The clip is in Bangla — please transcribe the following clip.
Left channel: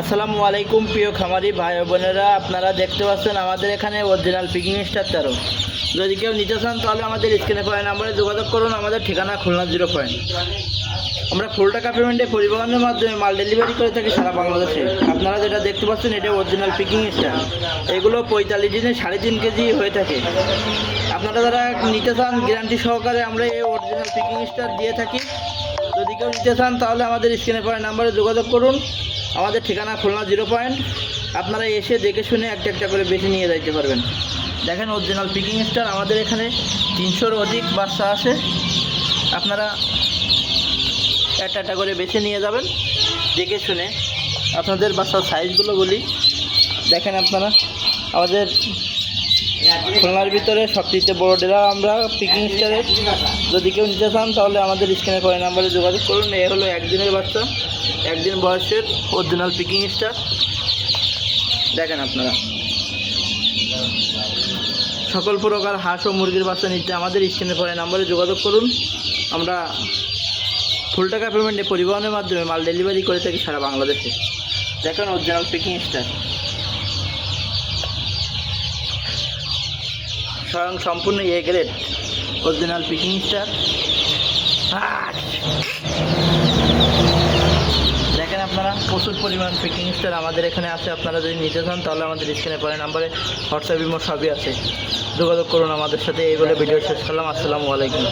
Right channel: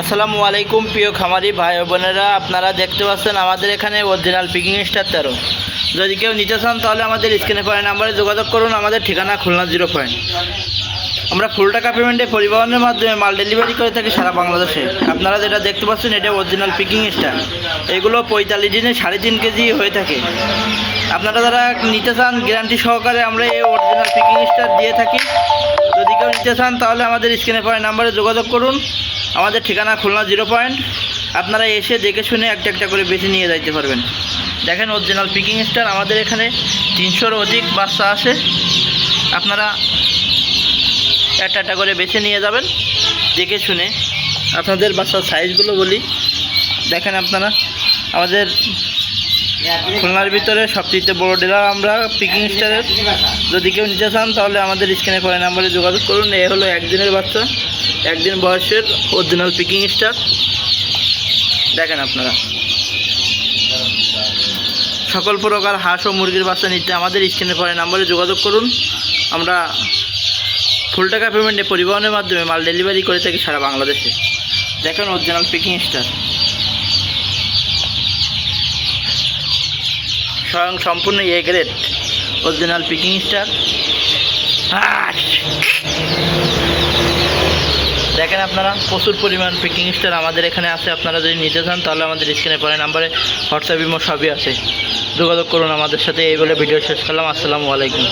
আসসালামু আলাইকুম প্রিয় খামারি ভাই বোনেরা, আপনারা দেখতে পাচ্ছেন আমাদের এখানে অরিজিনাল পিকিং স্টার 13। যদি কেউ নিতে চান তাহলে আমাদের স্ক্রিনে পাওয়া নাম্বারে যোগাযোগ করুন। আমাদের ঠিকানা খুলনা 0 পয়েন্ট। আমরা ফুল টাকা পেমেন্টে পরিবহনের মাধ্যমে মাল ডেলিভারি করে থাকি সারা বাংলাদেশে। আপনারা যেটা দেখতে পাচ্ছেন এটা অরিজিনাল পিকিং স্টার। এগুলো 45 দিনে 3.5 কেজি হয়ে থাকে। আপনারা যারা নিতে চান গ্যারান্টি সহকারে আমরা এই অরিজিনাল পিকিং স্টার দিয়ে থাকি। যদি কেউ নিতে চান তাহলে আমাদের স্ক্রিনে পাওয়া নাম্বারে যোগাযোগ করুন। আমাদের ঠিকানা খুলনা 0 পয়েন্ট। আপনারা এসে দেখে শুনে একটা একটা করে বেছে নিয়ে যাইতে পারবেন। দেখেন অরিজিনাল পিকিং স্টার, আমাদের এখানে 300-র অধিক বাচ্চা আসে। আপনারা একটা একটা করে বেছে নিয়ে যাবেন দেখে শুনে। আপনাদের বাচ্চার সাইজগুলো বলি, দেখেন আপনারা আমাদের খুলনার ভিতরে সবচেয়ে বড় ডিলার আমরা পিকিং স্টারের। যদি কেউ নিতে চান তাহলে আমাদের স্ক্রিনে পড়া নাম্বারে যোগাযোগ করুন। এ হলো একদিনের বাচ্চা, একদিন বয়সের অরিজিনাল পিকিং স্টার। দেখেন আপনারা সকল প্রকার হাঁস ও মুরগির বাচ্চা নিতে আমাদের স্ক্রিনে পড়া নাম্বারে যোগাযোগ করুন। আমরা ফুল টাকা পেমেন্টে পরিবহনের মাধ্যমে মাল ডেলিভারি করে থাকি সারা বাংলাদেশে। দেখেন অরিজিনাল পিকিং স্টার, স্বয়ং সম্পূর্ণ A grade original picking star. দেখেন আপনারা প্রচুর পরিমাণ পিকিং স্টার আমাদের এখানে আছে। আপনারা যদি নিতে চান তাহলে আমাদের স্ক্রিনে পড়া নাম্বারে হোয়াটসঅ্যাপ ইমো সবই আছে, যোগাযোগ করুন আমাদের সাথে। এই বলে ভিডিও শেষ করলাম। আসসালামু আলাইকুম।